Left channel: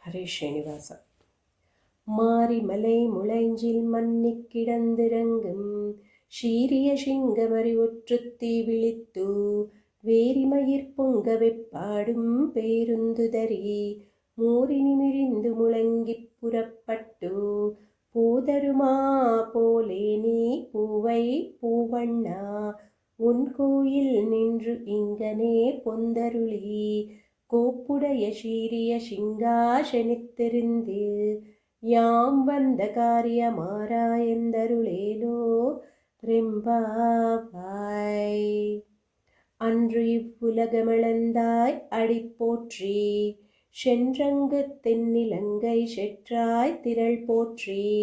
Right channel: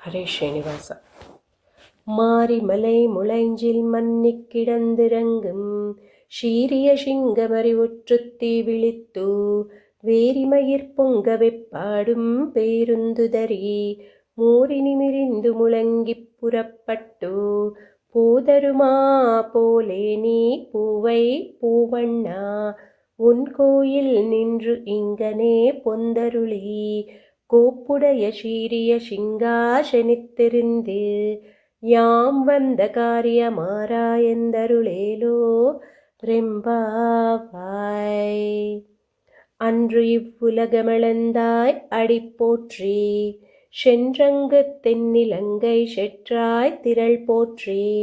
ஹரே ஸ்ரீனிவாச. மாரிமலை முளைஞ்சில் மன்னிக் கிடந்திறங்கும் ஷீரிய சிங்கமறி ஒற்றுத்தி விழித்து வேரிமயிர் பொங்க வெப்பாடும் பேருந்துதறி மூரினி மிரிந்து முழங்கிப் புறப்பட்டு போதருமா போலே நீ பூவை பூவண்ணா உன் கோயில் நின்று இங்கனே பொந்தருளி கோப்புடைய சீரிய சிங்காசனித்திருந்து யாம் வந்த காரியமாராயந்தருளேலோ ரெம்பாவாய். அன்று இவ்வுலகமளந்தாய் அடிப்போற்றி சென்றங்கு தென்னிலங்கை செற்றாய் திரள் போற்றி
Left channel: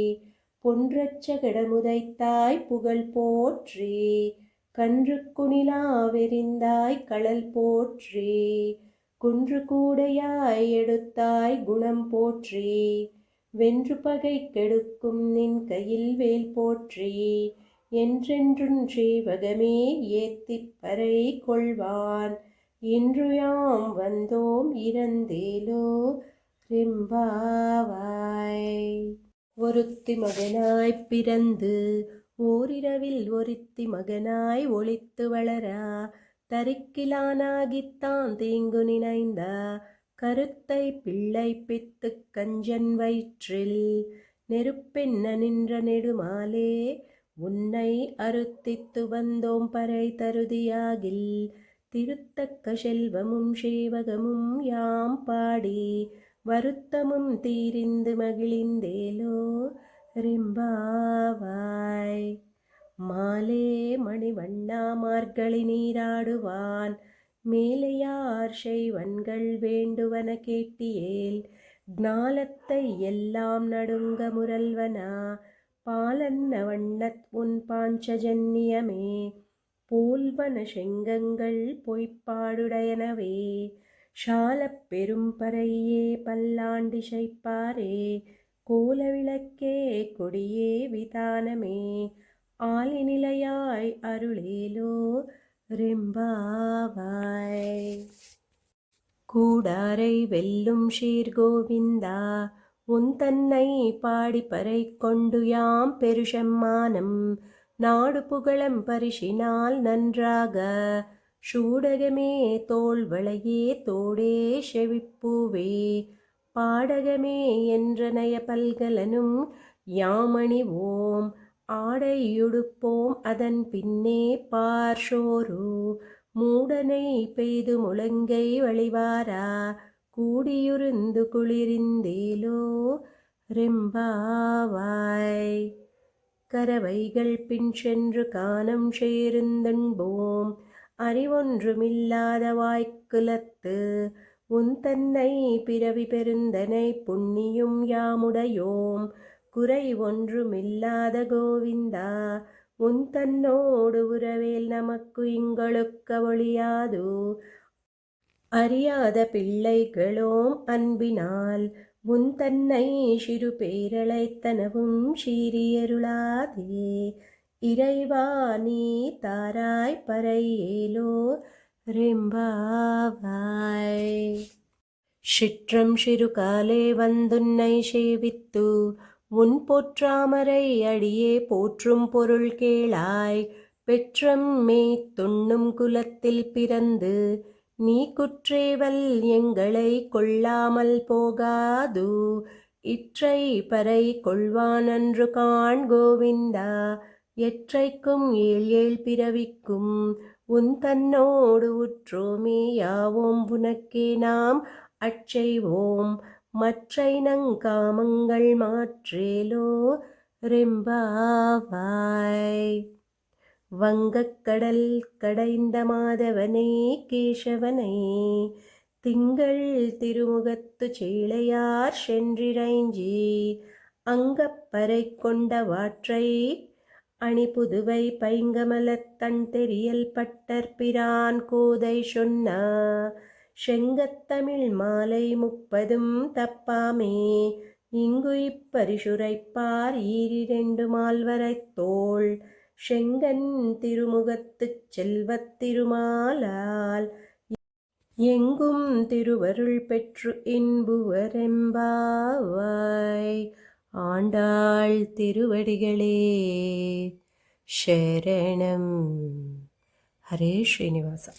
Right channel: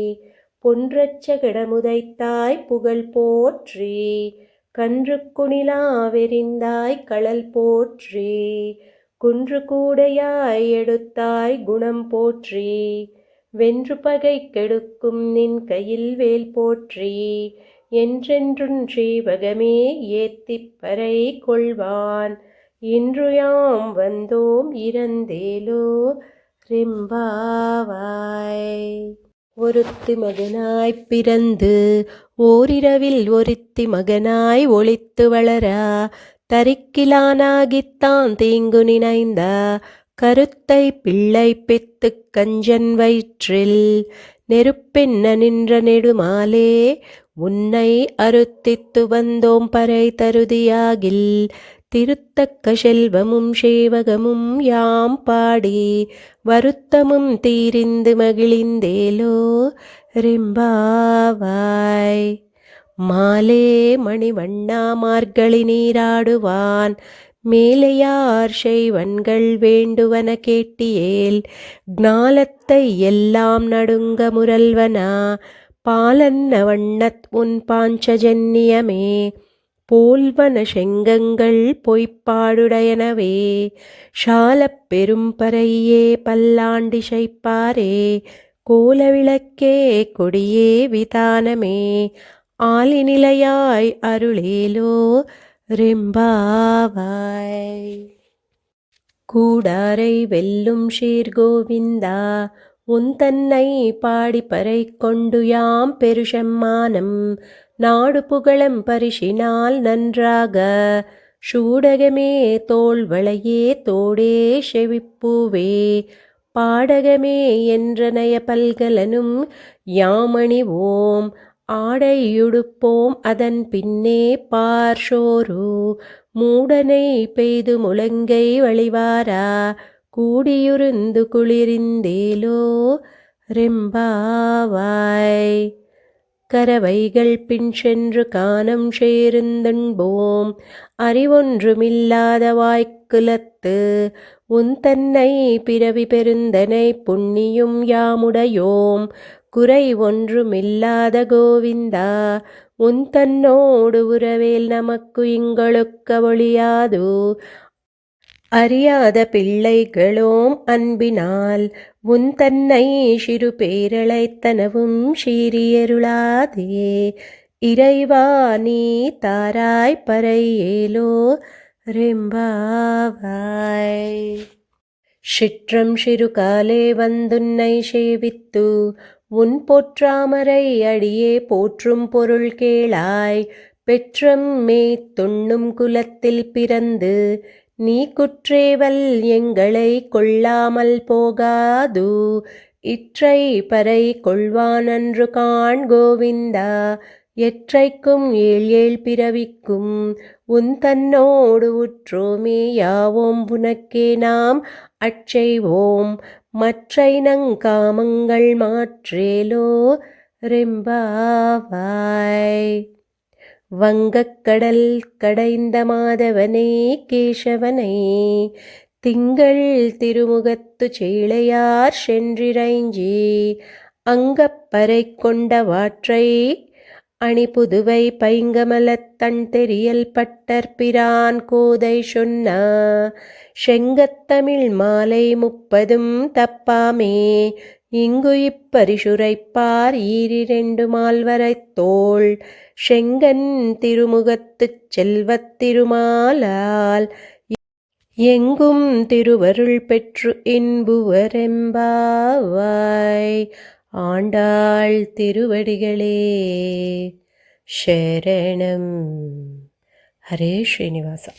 பொன்றச்சகடமுதைத்தாய் புகழ் போற்றி கன்று குணிலா வெறிந்தாய் களல் போற்றி குன்று கூடையாய் எடுத்தாய் குணம் போற்றி வென்று பகை கெடுக்கும் நின் கையில் வேல் போற்றி என்றென்றும் ஸ்ரீவகமே ஏத்திப் பறை கொள்வான் இன்று யாம் வந்தோம் இறந்தேலோ ரெம்பாவாய். ஒருத்தி மகனாய் பிறந்து ஓரிரவில் ஒருத்தி மகனாய் ஒளித்து வளரா தரிக்கிலானாகித்தான் தீங்கு நினைந்த கருத்தை பிள்ளை பெத்து கஞ்சன் வயிற்றில் நெருப்பென்ன நின்ற நெடுமாலே உன்னை அறுத்தித்து வந்தோம் பறை தருதியாகில் திருத்தக்க செல்வமும் சேவகமும் யாம் பாடி வருத்தமும் தீரிந்து மகிழிந்தேலோ ரெம்பாவாய். மாலே மணிவண்ணா மார்கழி நீராடுவான் மேலையார் செய்வன்கள் வேண்டுவன கேட்டியேல் ஞாலத்தை எல்லாம் நடுங்க முரல்வனா பாலன்ன வண்ணத் உன் பாஞ்சஜன்யமே போல்வன செங்கங்கள் பொய்ப்பாடுடையனவே ஷாலப் பெரும்பறையே பல்லாண்டி சைப்பாரே கோலவிளக்கே கொடியே விதானமே ஆலிநிலையாய் அருளேலோ ரெம்பாவாய். கூடாரை வெல்லும் ஷீர்கோவிந்தா உன் தன்னை பாடிப்பறை கொண்டு யாம் பெருஷம்மானம் நாடு புகழம் பரிசினால் நன்றாக சூடகமே தோள்வளையே தோடே செவிப்பூவே பாடகமே என்றனைய பல்கலனும் யாமணிவோம் ஆடையுடுப்போம் அதன் பின்னே பார்ஷோரு மூடனை பெய்து முழங்கை வழிவாரா கூடியுருந்து குளிரிந்தேலோ ரெம்பாவாய். கரவைகள் பின் சென்று கானம் சேர்ந்தன்போம் அறிவொன்றுமில்லாத வாய்க்குலத்து உன் தன்னை பிறவி பெருந்தனை புண்ணியும் யாமுடையோம் குறை ஒன்றுமில்லாத கோவிந்தா உன் தன்னோடு உறவேல் நமக்கு இங்களுக்க ஒழியாது அறியாத பிள்ளைகளோம் அன்பினால் உன் தன்னை சிறு பேரழைத்தனவும் சீரியருளாதே இறைவா நீ தாராய் பறையேலோ ரெம்பாவாய். சிற்றம் சிறுகாலே வந்துன்னை சேவித்து உன் போற்றாமரை அடியே போற்றும் பொருள் கேளாய் பெற்றம் மே துண்ணும் குலத்தில் பிறந்து நீ குற்றேவல் எங்களை கொள்ளாமல் போகாது இற்றை பறை கொள்வானன்று காண் கோவிந்தா எற்றைக்கும் ஏழ் ஏழ் பிறவிக்கும் உன் தன்னோடு உற்றோமே யாவோம் உனக்கே நாம் அச்செய்வோம் மற்றை நங்காமங்கள் மாற்றேலோ ரெம்பாவாய். வங்கக்கடல் கடைந்த மாதவனே கேசவனை திங்கள் திருமுகத்து சேளையார் சென்றிரைஞ்சி அங்கப்பறை கொண்ட வாற்றை அணிபுதுவை பைங்கமலத் தன் தெரியல் பட்டற்பிரான் கோதை சொன்ன செங்கத்தமிழ் மாலை 30 தப்பாமே இங்கு இப்பரிசுரைப்பார் ஈரிரண்டு மால்வரைத் தோள் செங்கன் திருமுகத்துச் செல்வத் திருமாலால் எங்கும் திருவருள் பெற்று இன்புவரெம்பாவாய். ஆண்டாள் திருவடிகளே சரணம். ஹரே ஸ்ரீனிவாசா.